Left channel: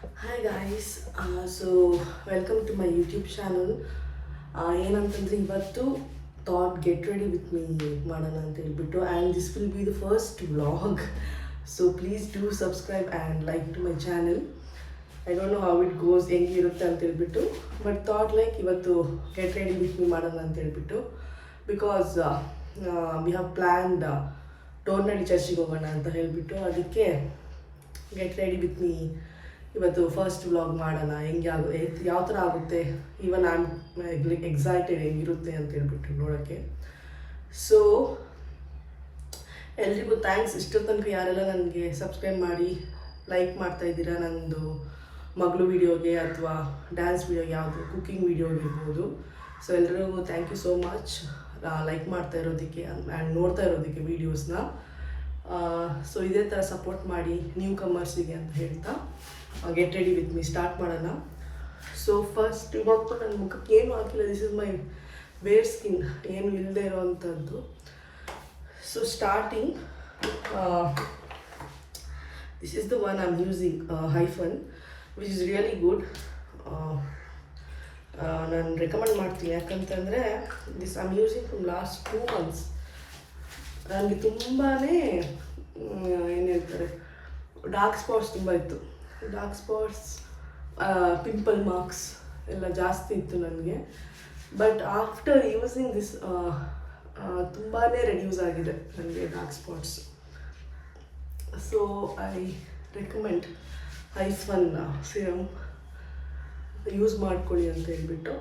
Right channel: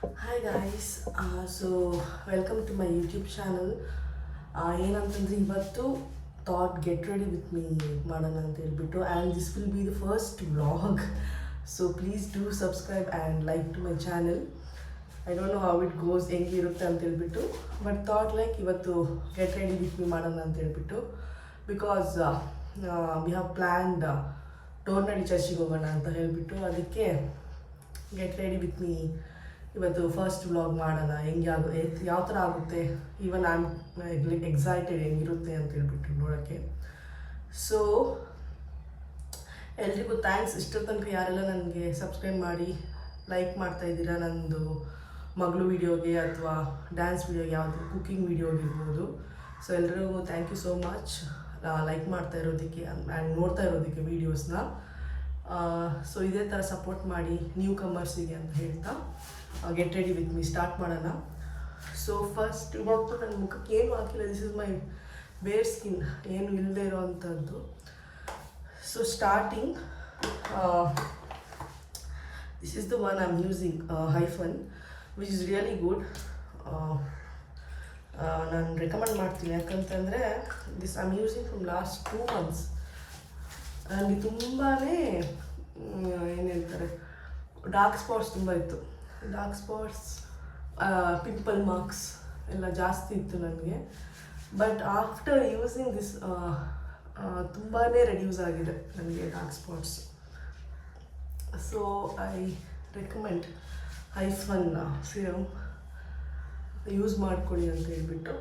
Hi guys, so welcome to my YouTube channel. ಏನಂತಂದ್ರೆ ಇವತ್ತು thought get ready with me ಮಾಡೋಣ ಅಂತ ಹೇಳ್ಬಿಟ್ಟು and this will be the first vlog. So please do subscribe and like to my channel. I don't know how it goes ಹೆಂಗಿರುತ್ತೆ ಅಂತ ಹೇಳ್ಬಿಟ್ಟು, but thought like ಇವತ್ತು get ready with me ಮಾಡೋಣ ಅಂತ ಹೇಳ್ಬಿಟ್ಟು, because we have planned Dornahalli ಚರ್ಚಿಗೆ ಹೋಗೋಣ ಅಂತ ಹೇಳಿಬಿಟ್ಟು ಅದಕ್ಕೆ ಗೆಟ್ ರೆಡಿ ವಿತ್ ಮೀ ಇವತ್ತು ಫಸ್ಟ್ ವ್ಲಾಗ್ ಮಾಡೋಣ. ಹೆಂಗೆ ಯಾವ ಥರ ಆಗುತ್ತೆ, ಈವನ್ ಐ ಆಮ್ ಎಕ್ಸೈಟೆಡ್ ಹೆಂಗಿರುತ್ತೆ ಅಂತ ಹೇಳ್ಬಿಟ್ಟು ನೋಡೋಕ್ಕೆ. ಸೊ ಎಲ್ರಿಗೂ ಥ್ಯಾಂಕ್ಸ್. ಇಷ್ಟರ ತನಕ ಯಾರೆಲ್ಲ ನನಗೆ ಸಬ್ಸ್ಕ್ರೈಬ್ ಮಾಡಿ ಲೈಕ್ ಮಾಡ್ತಾಯಿದ್ದೀರಾ, ನನ್ನದು ಮಗಳು ವೀಡಿಯೋಗೆ ಅಥವಾ ಡ್ಯಾನ್ಸ್ ವೀಡಿಯೋಗೆ, ಯಾವುದು ಕುಕ್ಕಿಂಗ್ ವೀಡಿಯೋಗೆ ಇರ್ಬೋದು. ಸೊ ಎಲ್ರಿಗೂ thank you so much like ಮಾಡ್ತಾ ಇರೋದಕ್ಕೆ ಆ್ಯಂಡ್ ನೋಡ್ತಾ ಇರೋದಕ್ಕೆ ವೀಡಿಯೋಸ್ನ. ಸೊ ಇದೇ ಥರ ಸಪೋರ್ಟ್ ಮಾಡಿ ನ್ಯೂ ಕಮರ್ಸಿಗೆ ಅಂತ ಹೇಳ್ತಾ get ready with me start ಮಾಡೋಣ. ಸೊ ಫಸ್ಟ್ ಇವತ್ತು ನನ್ನ ಮುಖಕ್ಕೆ ಏನು ಹಾಕಿಲ್ಲ, ದಿಸ್ ಇಸ್ ಮೈ ಬೇರ್ ಸ್ಕಿನ್, ಏನು ಇಲ್ಲದೆ ಇರೋವಂಥದ್ದು. So starting this is the one I am using, Hyphen, which is really good. ನಾನು ರೆಕಮೆಂಡ್ ಮಾಡ್ತೀನಿ, ಯಾಕಂತಂದರೆ this I am using from last 2 months. ನನಗೆ ತುಂಬಾ ಏನು ಹೇಳ್ತಾರೆ, ಡಾರ್ಕ್ ಸ್ಪಾಟ್ಸ್ ತುಂಬ ಇತ್ತು. ಡಾರ್ಕ್ ಸ್ಪಾಟ್ಸ್, ಪಿಂಪಲ್ ಮಾರ್ಕ್ಸ್ ಎಲ್ಲ ಜಾಸ್ತಿ ಇತ್ತು ನನಗೆ. ಬಟ್ ಆಫ್ಟರ್ ಯೂಸಿಂಗ್ ದಿಸ್ ತುಂಬಾ ರೆಡ್ಯೂಸ್ ಆಗಿದೆ ನನಗೆ dark spots. So I recommend hyphen serum use ಮಾಡ್ಕೊಳ್ಳಿ ಅಂತ ಹೇಳ್ಬಿಟ್ಟು.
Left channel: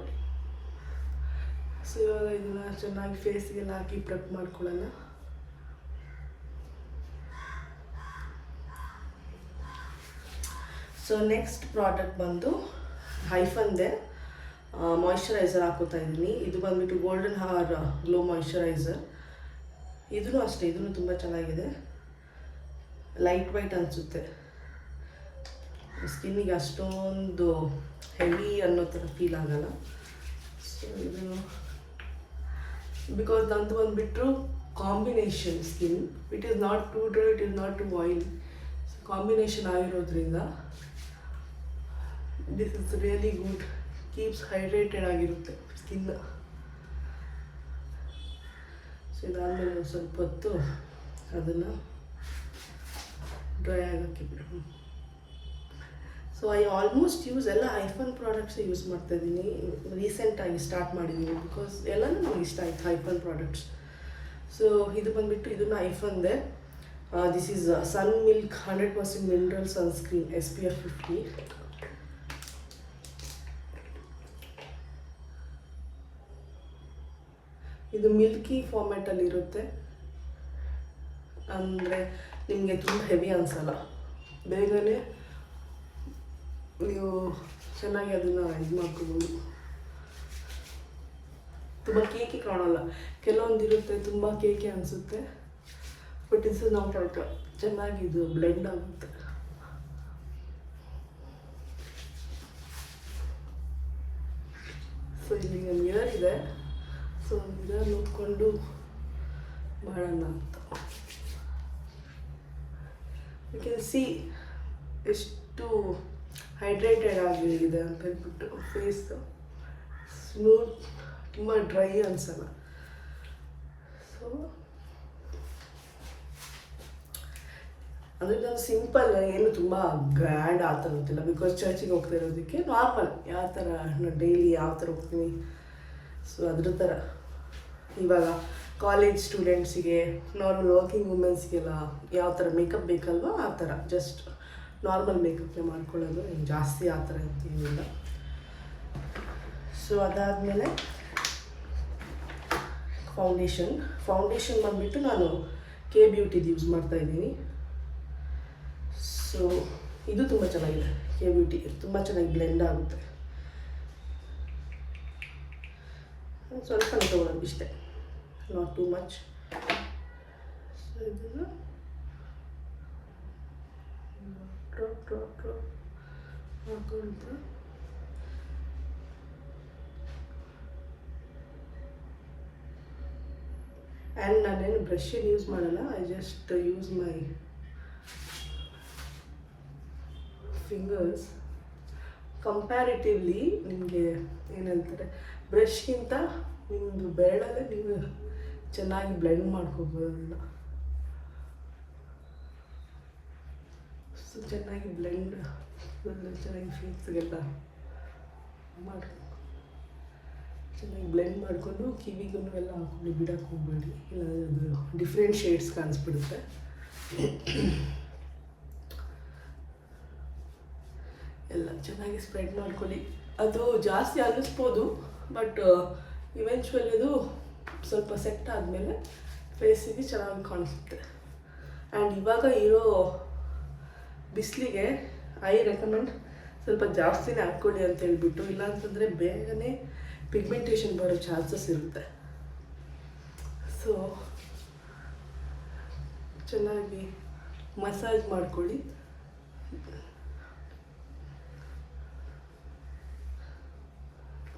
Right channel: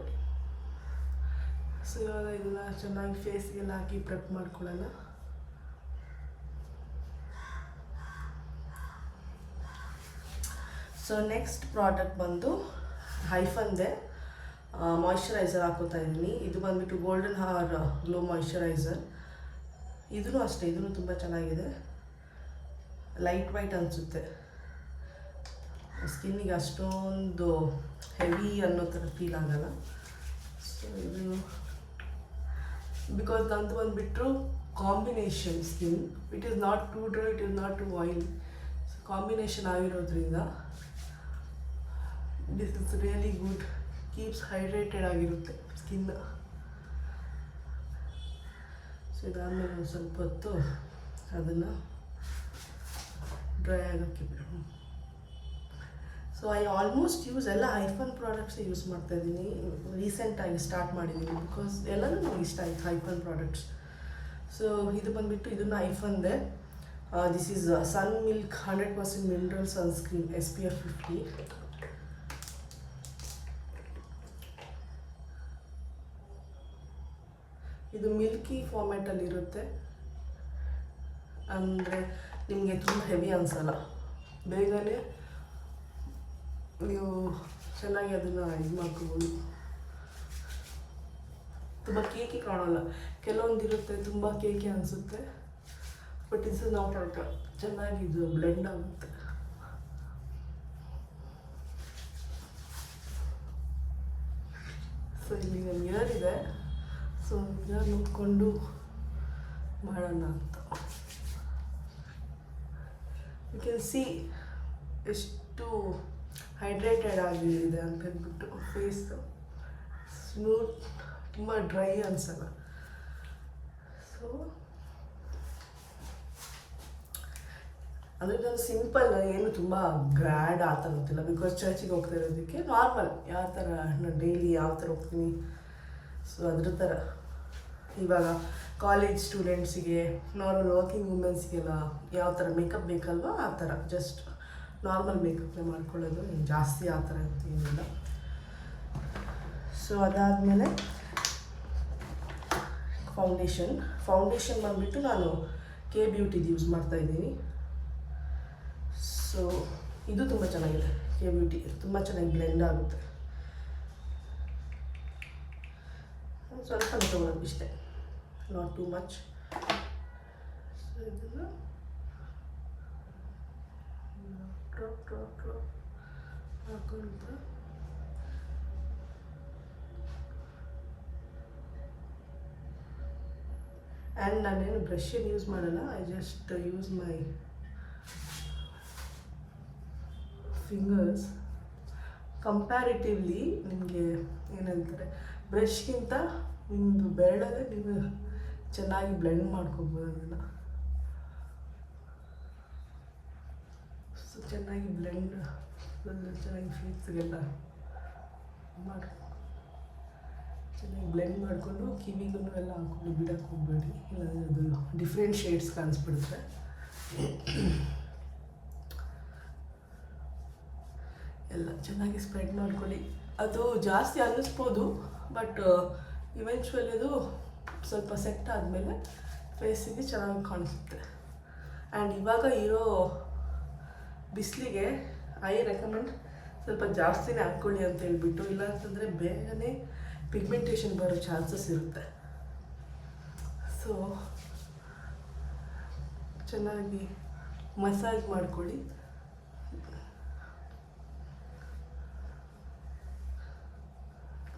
ಸೊ ಇವಾಗ ಇದನ್ನು ಚೆನ್ನಾಗಿ ಫೇಸ್ಗೆಲ್ಲ ಹಾಕಿ ಪ್ರೆಪ್ ಮಾಡ್ಕೊಳ್ಳೋಣ. ಸೊ ನೆಕ್ಸ್ಟ್ ಪ್ರಾಡಕ್ಟ್ ಬಂದು ಹೈಫನ್ದೆ ಮಾಯ್ಶ್ಚರೈಸರ್ ಹಾಕೋತಾ ಇದ್ದೀನಿ. ಇದು ಬಂದುಬಿಟ್ಟು ಗೋಲ್ಡನ್ ಹಾರ್ ಗ್ಲೋ ಮಾಯ್ಶ್ಚರೈಸರ್. ಇದೂ ಅಷ್ಟೇ, ಇದೂ ತುಂಬ ಚೆನ್ನಾಗಿದೆ. ಲೈಟ್ ವೈಟ್ ಅನಿಸುತ್ತೆ, ಸ್ಕಿನ್ನಿಗೆ ಅಷ್ಟೊಂದು ಹೆವಿ ಅನ್ನೋ ಥರ ಫೀಲ್ ಆಗಲ್ಲ. ಸೊ ಇದು ಬಿಕಾಸ್ ನಂದು ಬಂದುಬಿಟ್ಟು combination skin, it is not too dry, it is not too oily. Combination ಆಗಿರೋದ್ರಿಂದ this is really good, keeps hydrated ಆಗಿರುತ್ತೆ ಸ್ಕಿನ್. ಸೊ ಇದಾದಮೇಲೆ ಒಂದು ಸ್ವಲ್ಪ ಹೊತ್ತು ಅದನ್ನು ಡ್ರೈ ಆಗೋಕ್ಕೆ ಬಿಡು. ಸೊ ಐ ಆಲ್ಮೋಸ್ಟ್ ಯೂಸ್ ಎಲ್ಲ ಹೈಫನ್ ಪ್ರಾಡಕ್ಟ್ಸ್ ಯೂಸ್ ಮಾಡ್ತಾಯಿದ್ದೀನಿ. ರೀಸೆಂಟಾಗಿ ಸ್ಟಾರ್ಟ್ ಮಾಡಿದ್ದೀನಿ ಬಿಕಾಸ್ ಎಲ್ಲನೂ ನನಗೆ ಇಷ್ಟ ಆಯಿತು ಹೈಫನ್ ಪ್ರಾಡಕ್ಟ್ಸ್. ಸೊ ಇದು ಬಂದುಬಿಟ್ಟು ಇದನ್ನು ಹೈಫನ್ದೆ, this is sun milk 100% mineral sunscreen SPF 50. ಇದು ಮಿಲ್ಕಿ ಫಾರ್ಮ್ಯಾಟಲ್ಲಿರುತ್ತೆ, ಅಂದರೆ ನಿಮಗೆ ತುಂಬ ಹೆವಿ ಅನಿಸಲ್ಲ, ಬೇಗನೆ ನೀವು ಚೆನ್ನಾಗಿ ಅದನ್ನು ಇದು ಮಾಡ್ಕೋಬೋದು. ತುಂಬ ಕೇಕಿ ಕಾಣಲ್ಲ, ಕೆಲವೊಂದಿರುತ್ತೆ ತುಂಬ ಕೇಕಿ ಅನಿಸುತ್ತೆ, ಬಟ್ ಇಸ್ ನಾಟ್ ಔಟ್, ಚೆನ್ನಾಗಿ ಇದು ಬ್ಲೆಂಡ್ ಆಗುತ್ತೆ. ಸೊ ಇಲ್ಲಿ ಮಿರರ್ ಇದೆ, ಸೊ ಮಿರರ್ ನೋಡಿಕೊಂಡು ಮಾಡೋಣ ಅಂತ. ಯು ಕ್ಯಾನ್ ಸಿ ಎಷ್ಟು ಹೈಡ್ರೇಟೆಡ್ ಆಗಿದೆ ಅಂತ ಹೇಳ್ಬಿಟ್ಟು. ಫೇಸ್ ಸ್ಮೂತ್, ತುಂಬ ಡ್ರೈ ಅನಿಸಲ್ಲ. ಸೊ ಅದರಿಂದ ಸಿಂಪಲ್, ಏನು ತುಂಬ ಗ್ರ್ಯಾಂಡ್ ಆ ಥರ ಗೊತ್ತಿಲ್ಲ, ಬಿಕಾಸ್ ಚರ್ಚಿಗೆ ಹೋಗ್ತಾ ಇರೋದಕ್ಕೆ ನಾರ್ಮಲ್ ಯಾವ ಥರ ನಾನು ಡೈಲಿ ಯಾವ ಥರ ಹೋಗ್ತೀನಿ, ಸೊ ಅದ್ರ ಥರ. ಇವಾಗ ಕಾಲೇಜ್ ಸ್ಟೂಡೆಂಟ್ಸಿಗೆ, ನಾರ್ಮಲ್ ವರ್ಕಿಂಗ್ ವುಮೆನ್ಸ್ಗೆಲ್ಲ ಯಾವ ಥರ ಮೇಕಪ್ ಬೇಕಲ್ವ ಆ ಥರ ಜಸ್ಟ್ ನಾರ್ಮಲ್ ಮೇಕಪ್ನೇ ಮಾಡ್ಕೊಳ್ಳೋದು, ಜಾಸ್ತಿ ಆ ಥರ ಏನಿಲ್ಲ. ಸೊ ಅದಾದಮೇಲೆ ಫೌಂಡೇಶನ್ ಬಂದುಬಿಟ್ಟು ನಾನು ಕೆ ಬ್ಯೂಟಿದು ಯೂಸ್ ಮಾಡ್ತಾಯಿದ್ದೀನಿ. ಸೊ ಇದು ತುಂಬ ಚೆನ್ನಾಗಿದೆ, ಕೆ ಬ್ಯೂಟಿ ತುಂಬ ಚೆನ್ನಾಗಿ ಬ್ಲೆಂಡ್ ಆಗುತ್ತೆ. ಸ್ವಲ್ಪ ತೊಗೊಳೋದು ಇಷ್ಟೇ, ನಾಟ್ ಟೂ ಮಚ್. ಸೊ ಇದನ್ನು ಡ್ರಾಪ್ ಹಾಕೊಂಡು ಆ್ಯಂಡ್ ನಾನೇನು ಬ್ರಷನ್ನು ಯೂಸ್ ಮಾಡಲ್ಲ, I just use my fingers comparatively ನಿಮಗೆ ಏನು ಹೇಳ್ತಾರೆ, ಬ್ರಷ್ಗಿಂತ ನಿಮ್ಮದು ಬೆರಳಲ್ಲೇ ನೀವು ಚೆನ್ನಾಗಿ ಬ್ಲೆಂಡ್ ಮಾಡ್ಕೋಬೋದು ಅದನ್ನು. ಸೊ ಚೆನ್ನಾಗಿ ಬ್ಲೆಂಡ್ ಚೆನ್ನಾಗಿ ಫೇಸ್ಗೆಲ್ಲ ಮಾಡಿ ಚೆನ್ನಾಗಿ ಬ್ಲೆಂಡ್ ಮಾಡಿಕೊಂಡು ಕಿವಿಗೂ ಎಲ್ಲ ಹಾಕೊಂಡು ಬಿಡಕ್ಕೆ ಹೋಗ್ಬೇಡಿ, ಇಲ್ಲ ಅದು ಡಿಫ್ರೆಂಟ್ ಶೇಡ್ಸ್ ಕಾಣಿಸ್ಬಿಡುತ್ತೆ. ಎಲ್ಲ ಚೆನ್ನಾಗಿ ಸ್ಪ್ರೆಡ್ ಮಾಡ್ಕೊಳ್ಳಿ. ಅದು ಜಾಸ್ತಿ ಅನ್ನಿಸ್ಬೋದು, ಬಟ್ ಇವೆಂಚುವಲಿ ಅದು ಸ್ವಲ್ಪ ಸೆಟ್ ಆದಮೇಲೆ ಫೇಸಿಗೆ ಚೆನ್ನಾಗಿ ಕಾಣಿಸುತ್ತೆ. ಆ್ಯಂಡ್ ಇವಾಗ ಇರೋ ಬಿಸಿಲಿಗೆ ಐ ರೆಕಮೆಂಡ್ ಸ್ವಲ್ಪ ಜಾಸ್ತಿನೇ ಹಾಕ್ಕೊಳ್ಳಿ ಅಂತ ಹೇಳ್ಬಿಟ್ಟು, ಇಲ್ಲಾಂತಂದರೆ ಬೇಗನೆ ಪಿಗ್ಮೆಂಟೇಷನ್ ಬರೋ ಚಾನ್ಸಸ್ ಇರುತ್ತೆ. ಸೊ ಚೆನ್ನಾಗಿ ಮಸಾಜ್ ಮಾಡ್ಕೊಳ್ಳಿ.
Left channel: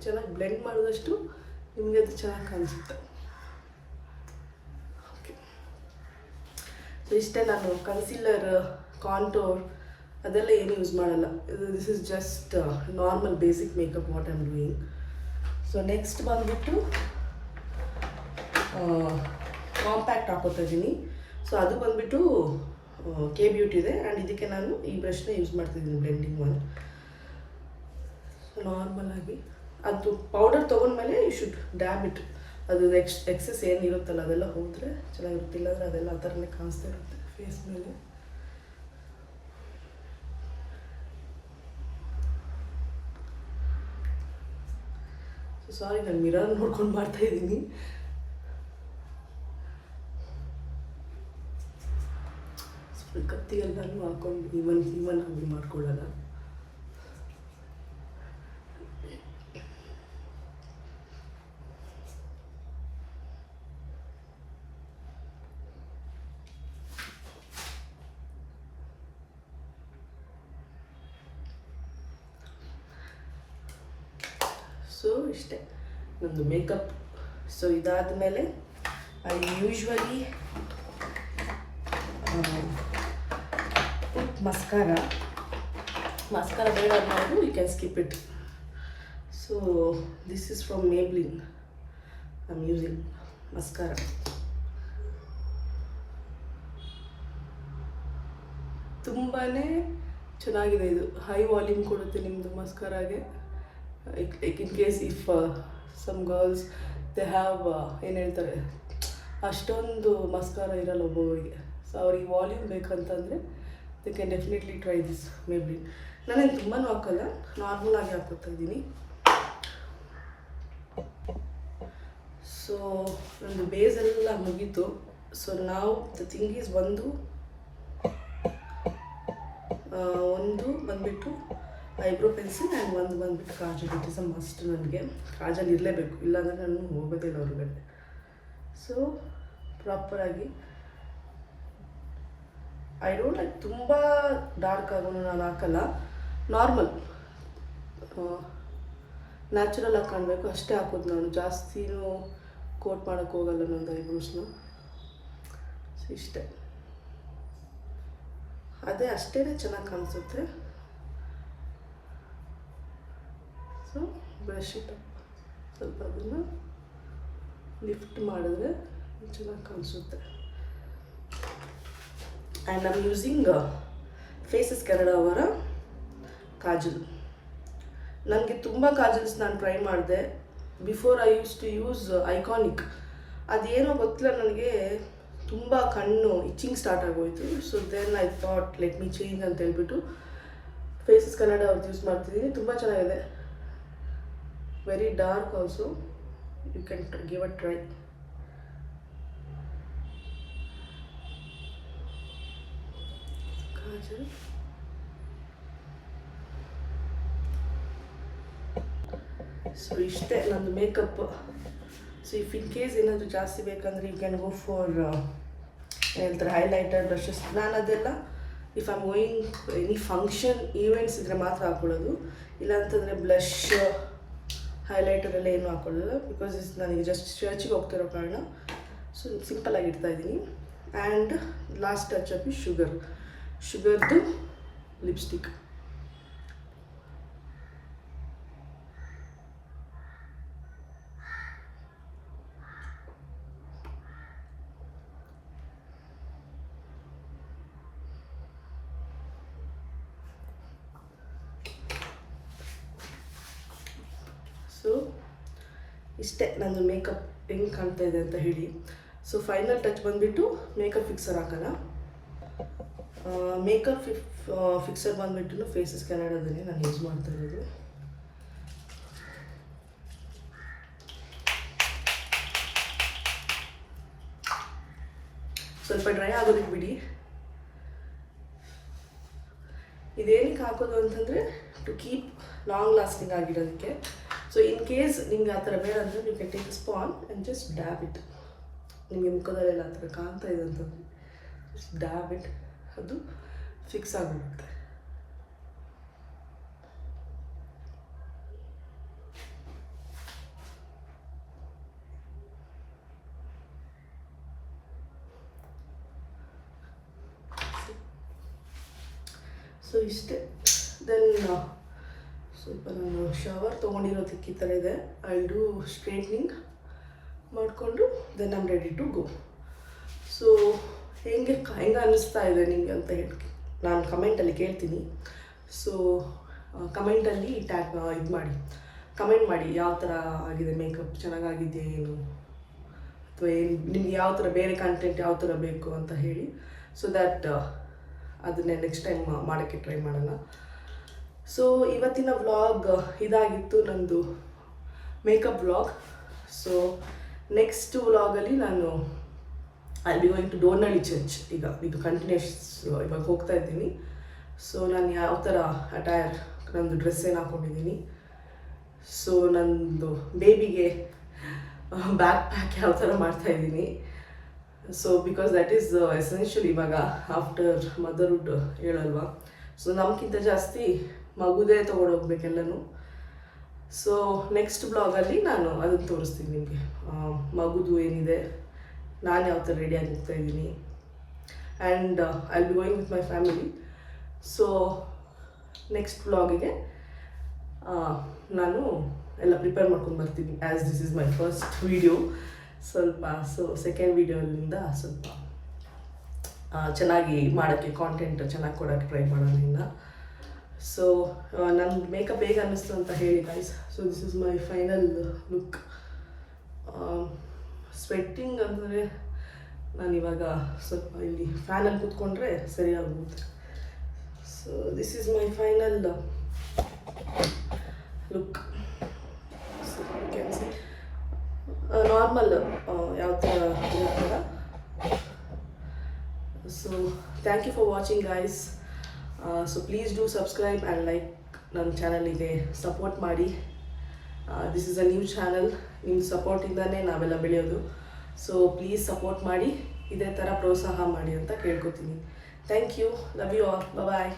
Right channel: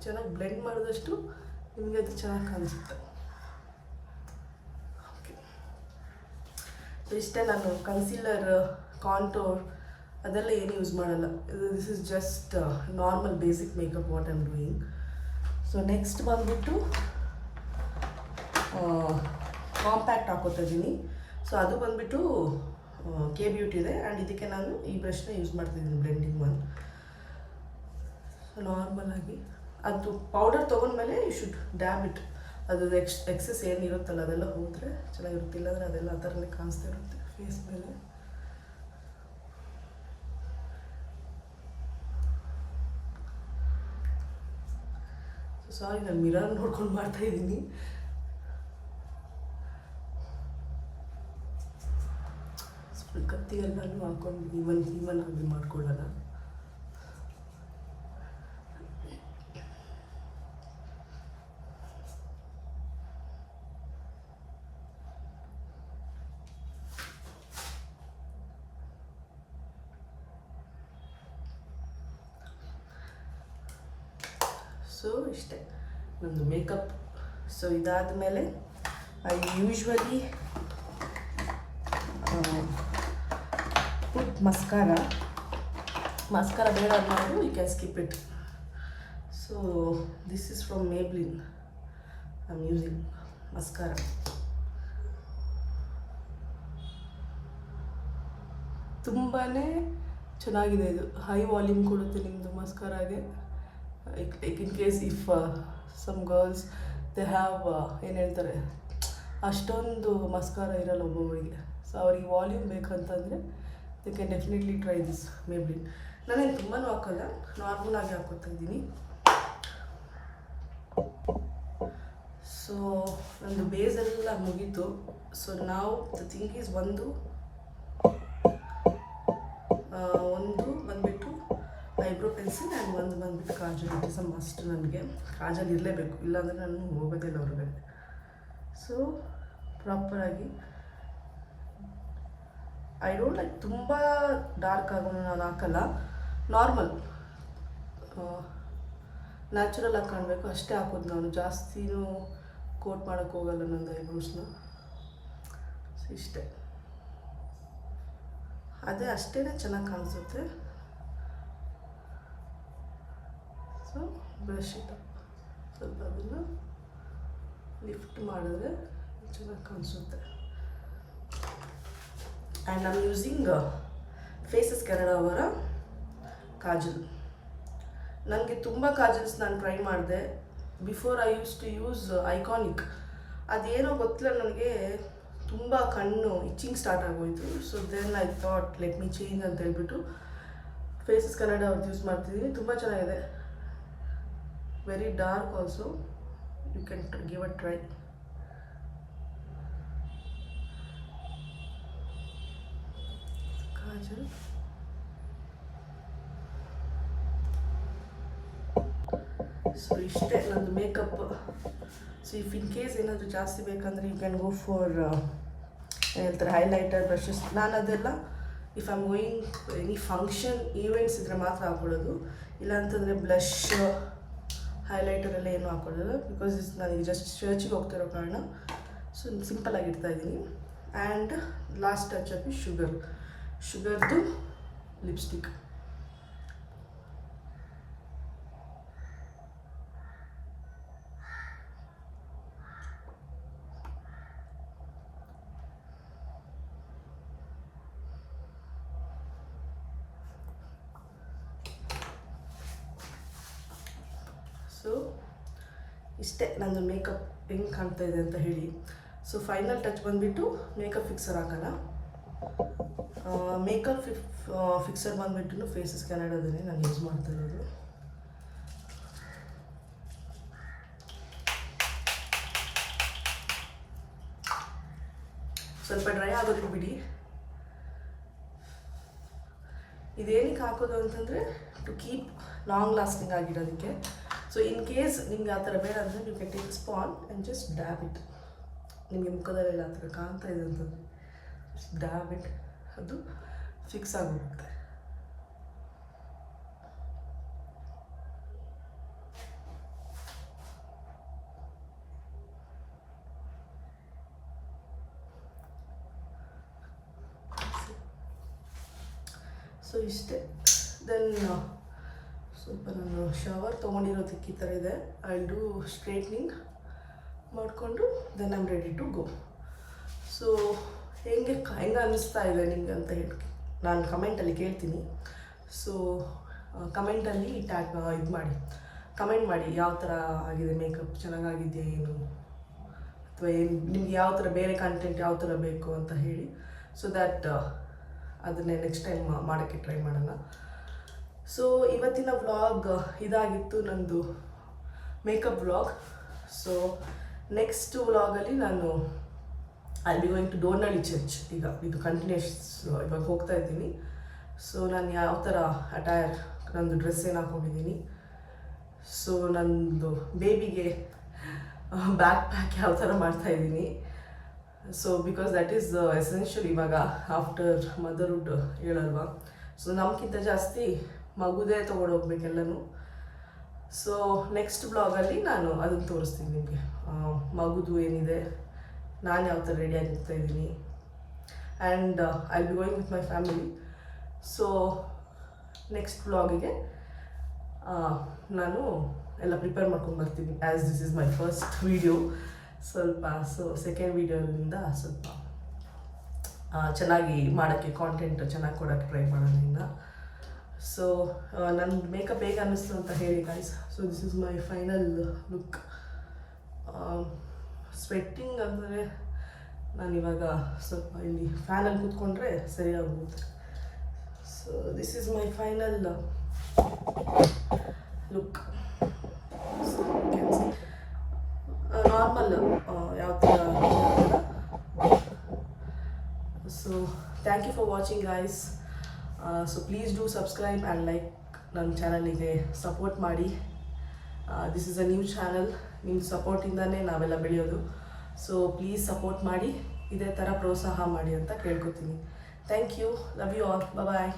ಚೆನ್ನಾಗಿ ಬ್ಲೆಂಡ್ ಮಾಡಿದಷ್ಟು ನಿಮಗೆ ಅದು ಚೆನ್ನಾಗಿ ಕಾಣಿಸುತ್ತೆ. ಓಕೆ, ಸೊ ಇಷ್ಟೇ. ನಾನು ಕನ್ಸೀಲರ್, ಕಾಂಟೋರ್ ಅದೆಲ್ಲ ಏನು ಯೂಸ್ ಮಾಡಲ್ಲ. This is just normal basic makeup what I am doing. So next ಬಂದುಬಿಟ್ಟು ಕಾಂಪ್ಯಾಕ್ಟ್ ಹಾಕೋತಾ ಇದ್ದೀನಿ. ಸೊ ಅದು ಬಂದುಬಿಟ್ಟು ಕೆ ಬ್ಯೂಟಿದೆ. ಆ್ಯಂಡ್ ಇದಕ್ಕೆ ನಾನು ಈ ಬ್ರಷ್ನ ಯೂಸ್ ಮಾಡ್ತಿದ್ದೀನಿ, ಬ್ಲೆಂಡಿಂಗ್ ಒನ್. ಸೊ ನಾರ್ಮಲಾಗಿ ಅದು ಪೌಡರ್ ತೊಗೊಂಡ್ಮೇಲೆ ಯು ಶುಡ್ ಡ್ಯಾಬ್ ಇಟ್. ಅದು ಎಕ್ಸಸ್ ಏನಿರುತ್ತಲ್ಲ ಅದೆಲ್ಲ ಹೋದರೆ ಚೆನ್ನಾಗಿರುತ್ತೆ, ಇಲ್ಲಾಂದರೆ ಅದೆಲ್ಲ ಆ ಥರನೇ ಕಾಣಿಸ್ತಾ ಇರುತ್ತೆ ಫೇಸ್ ಮೇಲೆ. ಸಾರಿ, ನಾನು ಮಿರರ್ ನೋಡ್ಕೊಂಡು ಮಾಡ್ತಾಯಿದ್ದೀನಿ. ಸ್ವಲ್ಪ ಕತ್ತಿಯೆಲ್ಲನೂ ಹಾಕೊಂಡು ಇವನ್ ಆಗಿ ಮಾಡ್ಕೊಳ್ಳೋಣ. ಸೊ ಇಷ್ಟೇ ನಮ್ಮದು ಮೇಕಪ್. ಸೊ ಇದಾದ ಮೇಲೆ ಐ ಯೂಶ್ವಲಿ ಪುಟ್ ಮಸ್ಕಾರ ಬೇಡ ಅನ್ನೋದು you can skip it. So this is from Maybelline. I am using mascara. ತುಂಬಾ ಚೆನ್ನಾಗಿದೆ ಇದು, ಹೈ ವಾಲ್ಯೂಮ್ ಕೊಡುತ್ತೆ ನಿಮ್ಮದು ಮಸ್ಕಾರಾಗೆ. Like in case if some girls they have ಏನು ಹೇಳ್ತಾರೆ, ಅಷ್ಟೊಂದು ಮಸ್ಕಾರ ಇರಲ್ಲ ಒಬ್ಬೊಬ್ಬರಿಗೆ. ಸೊ ಅವ್ರಿಗೆ ವಾಲ್ಯೂಮ್ ಬೇಕಂತಂದರೆ they can definitely try this Maybelline. ನಾನೇನು ತುಂಬಾ ಹಾಕಲ್ಲ, ನಾರ್ಮಲಾಗಿ ಹಾಕೋತಾ ಇದ್ದೀನಿ. ಸೊ ನಮ್ಮದು ಬೇಸೆಲ್ಲ ಮುಗೀತು. ಸೊ ನಾವು ದ ಥಿಂಗ್ ಈಸ್ ಒಂದು ಬಂದುಬಿಟ್ಟು ಐಬ್ರೋ ಪೆನ್ಸಿಲ್ ಆ್ಯಂಡ್ ಒಂದು ಬಂದುಬಿಟ್ಟು Kajal. It is a must. ನನಗೆ ಕಾಜಲ್ ಇರಲೇಬೇಕು, ಇಲ್ಲಾಂದರೆ ನಾನು ಹೋಗೋದಿಲ್ಲ ಹೊರಗಡೆ. ಸೊ ಪ್ರಾಪರಾಗಿ ಐ ಡೋಂಟ್ ಲೈಕ್ ತುಂಬ ಡಾರ್ಕ್ ಆಗೋನು ನಾನು ಹಾಕಲ್ಲ. ನಾರ್ಮಲ್ ನ್ಯಾಚುರಲ್ ಆಗಿ ಕಾಣಬೇಕು ಅಷ್ಟೇ ಹಾಕೋದು ನಾನು. ಜಾಸ್ತಿನೂ ಕೋಟ್ ಮಾಡೋಕ್ಕೆ ಹೋಗಲ್ಲ ನಂದು ಐಬ್ರೋಸ್ನ. ಸೊ ಇಷ್ಟೇ, ಅದೇ ಅಷ್ಟೇ ಚೆನ್ನಾಗಿ ಕಾಣಿಸುತ್ತೆ. ಸೊ ಬ್ರಷ್ ಇಟ್ಟು ಸ್ವಲ್ಪ ಅದನ್ನು ಲಿಫ್ಟ್ ಮಾಡಿದ್ರೆ ಚೆನ್ನಾಗಿ ಕಾಣಿಸುತ್ತೆ. And I am using faces Canada ಅವರ ಕಾಜಲ್. ನನಗೆ ತುಂಬ ಕಾಜಲ್ಸ್ ನಾನು ಟ್ರೈ ಮಾಡಿದೆ. Before I use to use iconic. ಅದೇನೋ ಗೊತ್ತಿಲ್ಲ, ನನಗೆ ತುಂಬ ಕಣ್ಣು ಇಚ್ಚಿಂಗ್ ಸ್ಟಾರ್ಟ್ ಆಗೋಯಿತು. So then I thought let me change ಅಂತ ಹೇಳ್ಬಿಟ್ಟು ಫೇಸಸ್ ಕನ್ನಡ ಅವ್ರದ್ದು ಯೂಸ್ ಮಾಡ್ತಿದ್ದೀನಿ. ತುಂಬ ಚೆನ್ನಾಗಿದೆ, very dark also. You can give a try. Kajal so ಇಷ್ಟೇ ನಮ್ಮದು makeup. So if in case ಏನಾದರೂ ಜಾಸ್ತಿ ಬೇಕಂದರೆ ಯು ಕ್ಯಾನ್ ಗೋ ಫಾರ್ ಹೇಳ್ತಾರೆ ಹೈಲೈಟರ್, ಬ್ರಷಸ್. ನಾನು ಅದೆಲ್ಲ if I am going any function events ಇದ್ದರೆ ಮಾತ್ರ ಹಾಕೊಳ್ಳೋದು. ಇಲ್ಲಾಂತಂದರೆ ಬ್ಲಷ್, ಹೈಲೈಟರ್ ಎಲ್ಲ ಏನು ಹಾಕೊಳ್ಳೋದು. ಬಿಕಾಸ್ ನನಗೆ ಜಸ್ಟ್ ಚರ್ಚಿಗೆ ಹೋಗ್ತಿರೋ ಕಾರಣ ಸೊ ಸಿಂಪಲಾಗಿ ಇಡ್ತಾಯಿದ್ದೀನಿ. ಆ್ಯಂಡ್ ಲಾಸ್ಟ್ ಟಚ್ ಅಪ್ ಶುಗರ್ದು ಲಿಪ್ಸ್ಟಿಕ್. ಇಷ್ಟೇ ನನ್ನ ಮೇಕಪ್ ಹೆಂಗೆ ಕಾಣ್ತಾ ಇದೆ ಅಂತ ಹೇಳಿ. ಸೊ ಫೈನಲ್ ಟಚ್ ಬಂದುಬಿಟ್ಟು ಮೇಕಪ್ ಫಿಕ್ಸರ್ ಹಾಕೋಣ. ಮೇಕಪ್ ಫಿಕ್ಸರ್ ಬಂದುಬಿಟ್ಟು ಫೇಸಸ್ ಕೆನಡಾದನ್ನೇ ನಾನು ಯೂಸ್ ಮಾಡ್ತಾ ಇರೋದು. ಸ್ವಲ್ಪ ಡ್ರೈ ಆಗೋದಕ್ಕೆ ಬಿಡಿ. ಇದೇನಕ್ಕೆ ಹಾಕೋದು ಅಂತಂದರೆ ಟು ಕೀಪ್ ಲಾಂಗ್ ಲಾಸ್ಟಿಂಗ್ ಆಗಿರೋದಕ್ಕೆ. ಸೊ ಇನ್ ಕೇಸ್ ನಿಮ್ಗೆ ಆ ಥರ ಬೇಡ ಅಂದರೆ you can take sponge and just dab it. ನಿಮಗೆ ಮುಖದಲ್ಲೆಲ್ಲ ಆ ಥರ ಕಾಣ್ತಾ ಇದೆ ಅಂತಂದರೆ ಜಸ್ಟ್ ಡ್ಯಾಬ್ ಇಟ್, ಅದು ಫಿಕ್ಸ್ ಆಗಿಬಿಡುತ್ತೆ. ಸೊ ಇಷ್ಟೇ. ದೆನ್ ಸ್ವಲ್ಪ ನಾನು ಶವರ್ ತೊಗೊಂಡಿರೋದಕ್ಕೆ ಈ ಥರ ಇದೆ. ಐ ಡೂ ಸ್ಟ್ರೇಟ್ನಿಂಗ್ ಮಾಡಿಕೊಂಡು then I'm ready to go. So ಹೆಂಗೆ ಅನ್ನಿಸ್ತಾ ಇದೆ ನಿಮಗೆ ಅಂತ ಹೇಳಿ ನಾನು ಕಮೆಂಟಲ್ಲಿ ಕೇಳ್ತೀನಿ. ಸೊ ಕಮೆಂಟಲ್ಲಿ ಇದು ಮಾಡಿ, ಕಮೆಂಟ್ ಮಾಡಿ ಯಾವ ಥರ ಆಗಿದೆ ಮೇಕಪ್, ಚೆನ್ನಾಗಾಗಿದೆಯಾ ಏನು, ಅಥವಾ ಏನು ನಿಮ್ಗೆ ಯಾವ ಥರ ಬೇರೆ ಕಂಟೆಂಟ್ ಯಾವ ಥರ ಬೇಕು ಅಂತ ಹೇಳಿ. ಸೊ ದ್ಯಾಟ್ ಅದನ್ನೇ ನೆಕ್ಸ್ಟ್ ಟೈಮ್ ಮಾಡೋಕ್ಕೆ ಟ್ರೈ ಮಾಡೋಣ. ಸೊ ಇವತ್ತಿನ ವ್ಲಾಗ್ ಇದಾಗಿತ್ತು, ನಂದು ಮೇಕಪ್ ವ್ಲಾಗ್. ಸೊ ನೆಕ್ಸ್ಟ್ ವ್ಲಾಗಲ್ಲಿ ನಾನು I be going to Dornahalli church. ಈಗ ಇದು ಕಂಟಿನ್ಯೂಸ್ ಇವಾಗ ಹೋಗ್ತಾ ಇದ್ದೀನಿ. ಸೊ ನಾನು ಯಾವ ಥರ ಅಟೈರ್, ನಂದು ಡ್ರೆಸ್ ಏನು ಹಾಕ್ಕೊಂಡಿದ್ದೀನಿ, ಸೊ ನಂದು ಬೇಬಿಗೆ ಬ್ಯಾಕ್ ಪ್ಯಾಕ್ ಯಾವ ಥರ ಮಾಡ್ತಾಯಿದ್ದೀನಿ. So because that is essential ಇವಾಗ ಆಫ್ಟರ್ ಮದರ್ಹುಡ್ ಹೇಳಲ್ವಾ. ಸೊ ನಮಗಿಂತ ಜಾಸ್ತಿ ಮಗುದೇ ತೊಗೊಂಡೋಗ್ಬೇಕೆಲ್ಲನೂ. ಸೊ ನೆಕ್ಸ್ಟ್ ಬ್ಲಾಗಲ್ಲಿ ನಾನು ಅದನ್ನು ತೋರಿಸ್ತೀನಿ ನಿಮಗೆ, ಮಗುದು ಏನಿದೆ, ನಾನು ಯಾವ ಥರ ರೆಡಿಯಾಗಿ ಹೋಗ್ತಾ ಇದ್ದೀನಿ. And I be going with my family. So next ಬ್ಲಾಗಿಗೆ ನಾನು ಎಲ್ಲ ಪ್ರಿಪೇರ್ ಮಾಡ್ಕೊಂಡು ಬರ್ತೀನಿ, as this is my first video. ಸ್ವಲ್ಪ ಸೊ ಸೆಕೆಂಡ್ ವೀಡಿಯೋಲಿಂದ ಸ್ವಲ್ಪ ಚೆನ್ನಾಗಿ ಮಾಡೋಕ್ಕೆ, ಕಾಂಟೆಂಟ್ ಚೆನ್ನಾಗಿ ಕೊಡೋಕ್ಕೆ ಟ್ರೈ ಮಾಡೋಣ ಇನ್ನು. ಸೊ ನನ್ನ ಮೇಕಪ್ ಹೇಗೆ ಅನ್ನಿಸ್ತು ಅಂತ ಹೇಳಿ guys. So this is my final look. Sweating ಅಂದರೆ ನಾನಿವಾಗ ಸ್ವಲ್ಪ ಇಲ್ಲಿ ಫ್ಯಾನಲ್ಲಿ ಕೂತ್ಕೊಂಡ್ರೆ ಸರಿಯಾಗುತ್ತೆ. So this is my final look. Normal ಯಾವ ಥರ ಇರುತ್ತಲ್ಲ. So thank you for watching guys. So please do subscribe and like ನನ್ನ ಚಾನಲಿಗೆ ಸಪೋರ್ಟ್ ಮಾಡಿ. This is a new channel, ನಿಮ್ಮ ಸಪೋರ್ಟಿಂದನೇ ನಾವೆಲ್ಲ ಬೆಳೆಯೋದು. ಸೊ ಪ್ಲೀಸ್ ಸಪೋರ್ಟ್ ಮಾಡಿ, ಇದೇ ಥರ ಪ್ರೋತ್ಸಾಹ ಮಾಡಿ ಅಂತ ಕೇಳ್ಕೊತೀನಿ. Thank you, love you all, bye.